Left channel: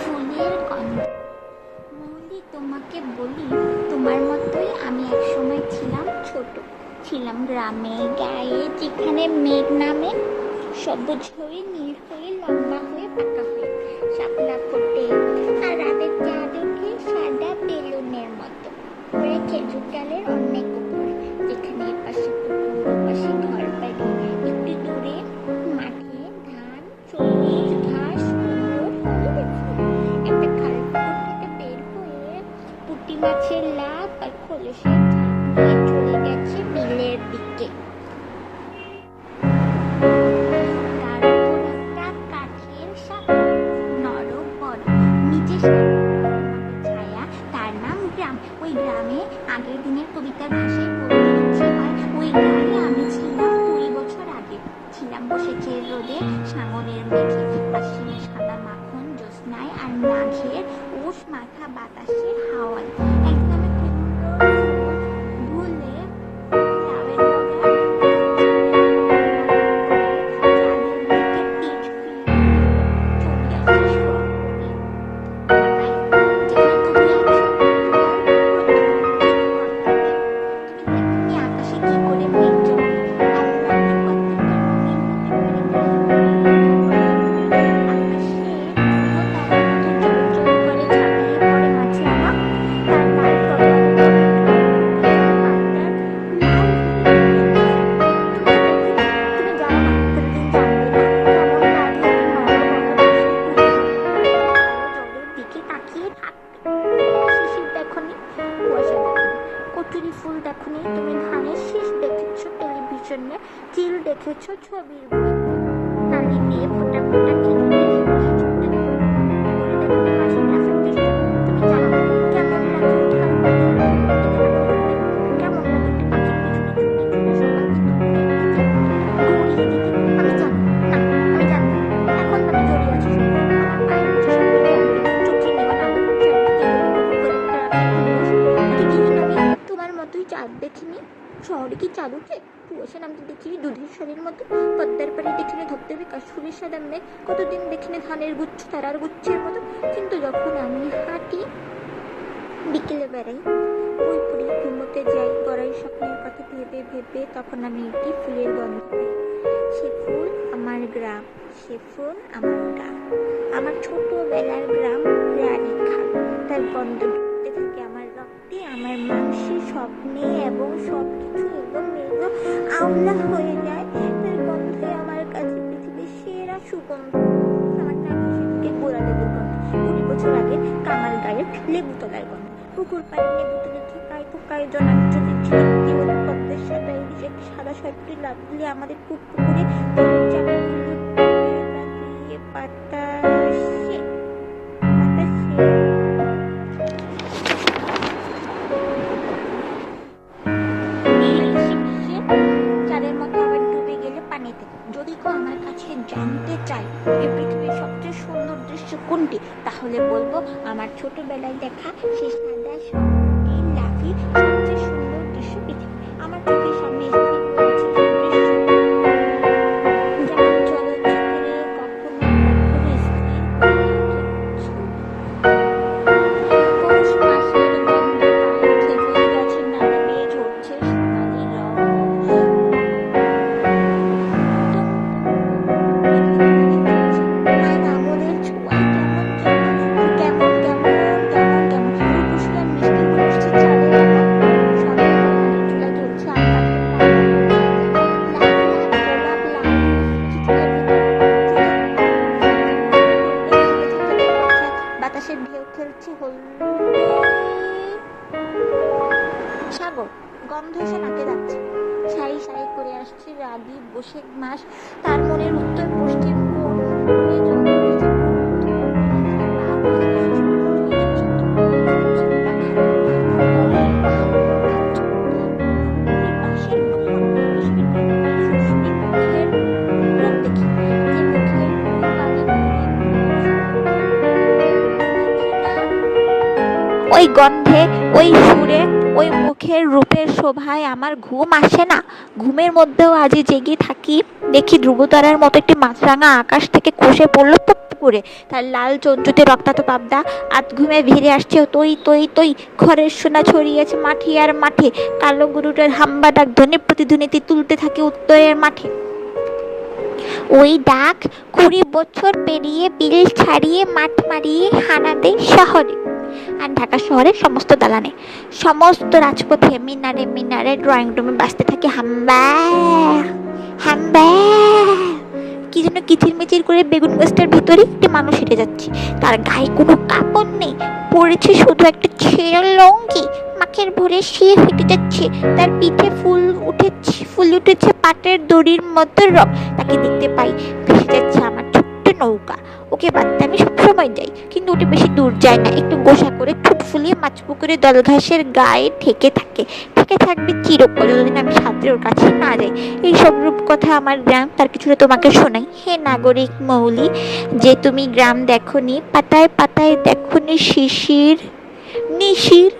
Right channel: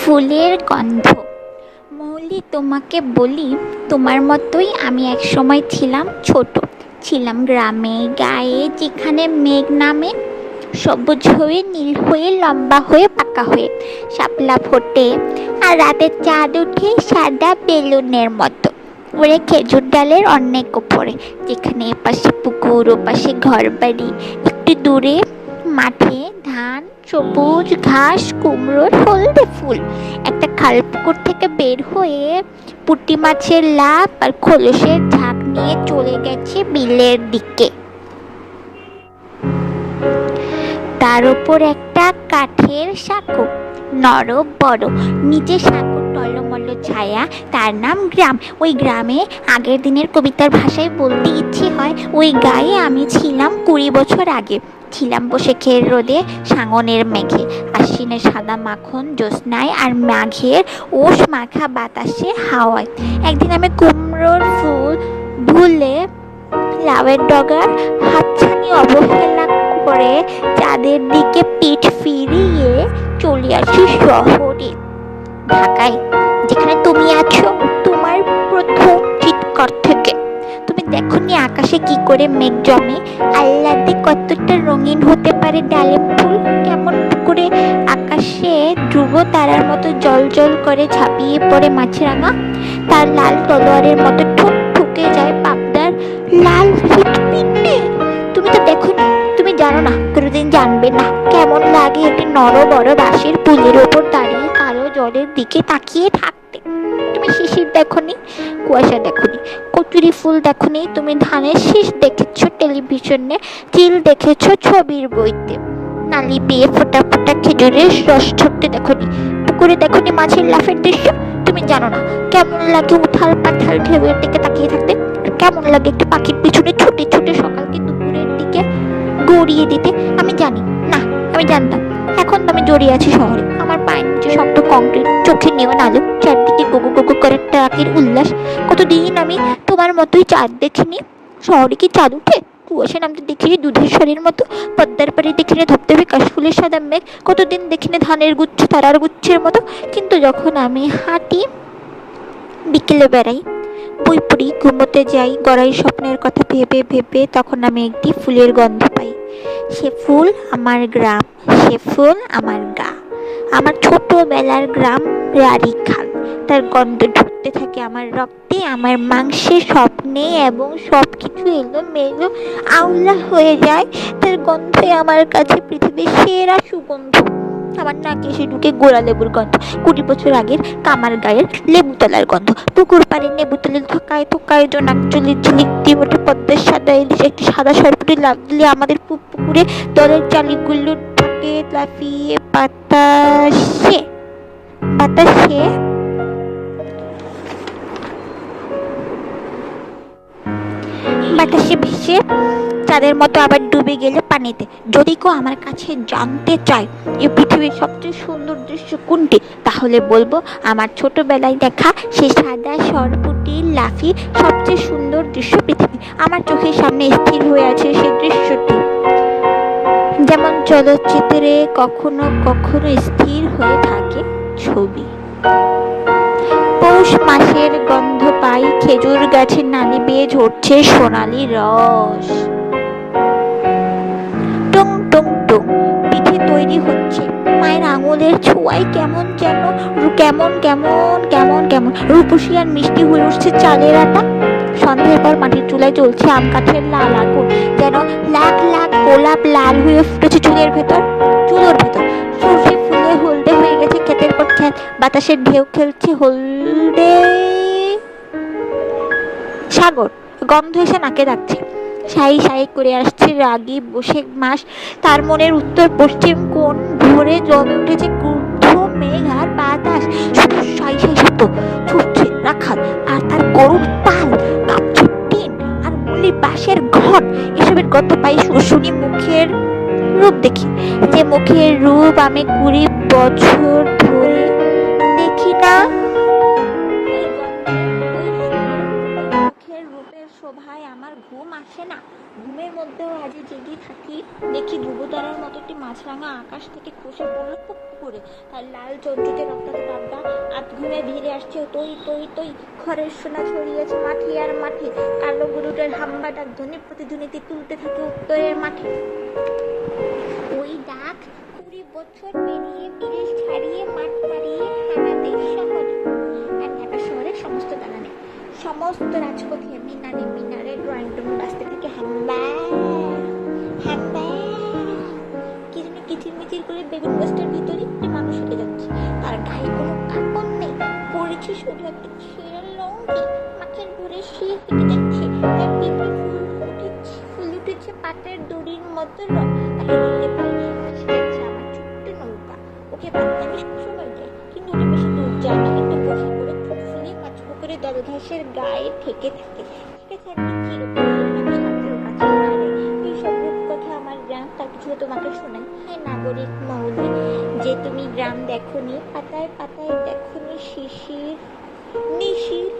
ফুলের গন্ধ। মৌলি, তোমাকে বলি, তোমার মতোই আমি এক সময় ছিলাম ছোট। ছিলাম গ্রামে গায়ে, যেখানে মেঘ নামে, সবুজ হয়ে নীল হয়ে লম্বা হয়ে পাকা হয়ে শাপলা ফোটে, আর রাতের চাঁদ উঠে সাদা বেলুনের মতো ওরে খেজুর ডালের অনেক ওপরে, যেখানে এপাশে পুকুর ওপাশে ঘর বাড়ি, একটু দূরে মাঠে ধান, সবুজ ঘাস, কুমড়োর হলদে ফুল। একটা খাল পুকুর থেকে বের হয়ে পুঁটি মাছের লাফ আর খোলসের ঝাঁক নিয়ে চলে গেছে বিলের দিকে। তার উপর একটা কাঠের সাঁকো, নরম বড়, নিচে সাঁকোর টলমল ছায়া, তার নাম গ্রাম। ওই গ্রামে আগের দিনের কবিতার ভাষায় বলতে ইচ্ছে হয়, ওই গায়ে আমি ছিলাম 20 বছর আগে। ছিলাম বসে খের রোদে, সাঙনের মেঘে, আশ্বিনের সাদা মাখন জ্যোৎস্নায়, আর মাঘের ওষ মাখা বাতাসে হাওয়ায়। একদিন আমি কুমড়োর ফুল ভুলে লাউয়ের ডগার হাতছানি অবহেলা করে চাঁদের দিকে পিঠ ফিরিয়ে চলে আসি শহরে, ঢাকায়, যেখানে তুমি আছো তোমার প্রথম চিৎকার থেকে। তুমি দেখোনি আকাশে কি করে মেঘ জমে, আল্লাতে কতটা রঙিন হতে পারে ডালিম ফুল, কেমন করে আকাশে ধ্রুব তারার মতো জল জল করে ঝাঁপিয়ে পড়ে মাছরাঙা, তার লাল তলোয়ারের মতো ঠোঁট ঠুকে যায় পাবদার লাল ফিটফিটে। তুমি তো দেখোনি, তুমি জানো না, কোনোদিন জানবে না কেমন লাগে একটি নর বড় বাঁশের পুলের ওপর দাঁড়িয়ে কালো জলের দিকে তাকিয়ে থাকতে। তুমি শিশির দেখোনি, কুয়াশা দেখোনি, কচুরি ফুল দেখোনি, তুমি ধানের শীষ দেখেছো টেলিভিশনে, চিল দেখেছো ছবির বইতে, নালি বেয়ে ফোটা ফোটা খেজুরের রস ছড়তে দেখোনি, পুকুরে দেখোনি মাছের লাফের দৃশ্য। তুমি জানো না কেমন লাগে উথাল পাথাল ঢেউয়ের দিকে তাকিয়ে থাকতে, কেমন লাগে একটি পাখির পিছনে ছুটে ছুটে সকালকে দুপুরের দিকে গড়িয়ে দিতে। আমি জানি না, আমি জানতাম। এখন তো আমি জড়িয়ে আছি শহরে, আমার পায়ের নিচে শক্ত কংক্রিট, চোখে নেওয়া আলো, চারদিকে গুগু গুগু করে ট্রাকের উল্লাস। কতদিন আমি তোমার মতোই চাঁদ দেখিনি। শহরে কি চাঁদ উঠে? কুয়াশা নামতে দেখিনি দুধের শরীর মতো, পদ্মার পাড়ি দেখিনি ধপধপে কাশফুলের সাদা মেঘ, কতদিন দেখিনি ধানের গুচ্ছ তারার গুচ্ছের মতো। কিন্তু যখন আমি হাঁটি, বিকেলে বেড়াই, বই পড়ি, ঘুমোতে যাই গড়াই স্বপ্নের কথা ভেবে ভেবে, তখন আমি একটি ফুলের গন্ধ পাই। সে ফুল আমার গ্রাম, সে ফুল আমার গা, আমার ছোটবেলার গ্রাম রাড়ি খাল। তার গন্ধ ঢুকতে থাকে আমার রক্তে, আমার মাংসে, স্বপ্নে, এবং সব কিছু এলোমেলো আউলা হয়ে যায়। তার গন্ধে আমার কাছে পৃথিবীর সেরা সুগন্ধ। আমার নাকে এসে ঢুকে গোড়া লেবুর গন্ধ, 20 বছর আগের কামার গায়ের লেবু তলার গন্ধ, পুকুর পাড়ে নেবু তলে থকায় থকায় জোনাক চুলির ঝিলিক দিয়ে ওঠে পদ্মের সাদা ইলিশ, একটি সাদা সরপুটি লাফ দিলে আমাদের পুকুরে দলের চালিগুলো ঢুকে লাফিয়ে বাতাসে বাতাসে বাতাসে ভেসে চাঁদের মতো আবার ডুবে গেলে পানিতে। যদি কেউ আমার কাছে জানতে চায় এই পৃথিবীর সবচেয়ে সুন্দর দৃশ্য কোনটি, তাহলে বলবো আমার ছোটবেলায় দেখা সেই সাদা সরপুটি লাফি সবচেয়ে সুন্দর দৃশ্য পৃথিবী। আমার চোখের সামনে স্থির হয়ে আছে সেই দৃশ্যটি, যেমন চলচ্চিত্রে কখনো কখনো স্থির হয়ে থাকে ছবি। পৌষ মাসের গন্ধ পাই, খেজুর গাছের নালি বেয়ে ঝরছে সোনালি রস। টুং টুং টুং পিঠে তৈরি হচ্ছে, মায়ের আঙুলের ছোঁয়ায় কেমন যেন কেমন কেমন কেমন কেমন রূপসী আর মিষ্টি হয়ে উঠছে চালের আটা। সন্ধ্যার পর মাটির চুলায় জ্বলছে আম কাঠের লাল আগুন, যেন লাখ লাখ গোলাপ লাল হয়ে ফুটেছে চুলের ভেতর। চুলোর ভেতর সর্ষে ফুলে হলদে হয়ে গেছে ক্ষেতের পর ক্ষেত, বাতাসের ঢেউ খেলছে হলদে সাগর, গন্ধ এসে নাকে লাগছে। সাই সাই করে আসছে রাগী বৈশাখ মাস, তার মনের উত্তর পশ্চিম কোণ ভরে জমে উঠেছে ক্রুদ্ধ মেঘ আর বাতাস। শুধু সাই সাই শব্দ, ছুটছে রাখাল আর তার গরুর পাল, কাঁপছে টিন আর গুলি বাঁশের ঘর। এসবের গন্ধ পাই শুনি মুখের রূপ দেখি, যে মুখের রূপ আমি 20 বছর ধরে দেখি না। ওই গন্ধে, ওই সুরে ওই মুখের রূপের শোভায় আমার ঘুম আসে না। ঘুমের মধ্যেও আজ জেগে থাকি, দেখি ধ্রুবতারার মতো একটি মাছরাঙা আকাশ থেকে খসে পড়লো টপ করে। তার লাল চঞ্চুতে রক্তাক্ত পাবদা আধ ঘুমে ভিড়ে আসছে তৈ তৈ তৈ। ঘরের সোনা ছড়িয়েছে মাঠে আর মাঠে, কালো গরুটার হাম্বা ডাক ধ্বনি প্রতিধ্বনিতে তুলতে থাকে উত্তরের মাঠে। ওই ডাক 20 বছর পেরিয়ে বিল ছাড়িয়ে মাঠ মারিয়ে হানা দেয় শহরে, আর ঢাকা শহরের সমস্ত দালানে, সমস্ত রাজপথে, মিনারে মিনারে, ড্রয়িং রুমে বাজতে থাকে হাম্বা হাম্বা। কি যেন কিচিরমিচির করে বেগুন গাছটার ভিতরে একটি মানুষ হেঁটে যাচ্ছে। তার গায়ে কোনো কাপড় নেই, পড়েছে শুধু একটা ছেঁড়া লঙ্গি। মাখের ভরে সে হেঁটে যাচ্ছে, তার পিঠে ফুল উঠেছে পাটের দড়ির মতো রং। তাকে দেখতে পাই, ভেসে যাচ্ছে আমার ছোট্ট নৌকা। ওকে বাদতে আমি সবসময় যাই, কিন্তু ওটা বেশি দূর যায় না, একটু গোসা করে ঠোঁট ফুলিয়ে মাছ পুকুরে দলঘাসের গায়ে ঠেকে থাকবে চিরকাল, যতদিন আমি সাঁতরে ওর কাছে না যাই। এই সব রূপকথা আমার গ্রাম, তার কিছুটা তোমাকে শোনাই। হে নাগরিক মৌলি, যে তুমি গ্রাম দেখনি, পাতায় পাতায় দেখনি শিশির নিশির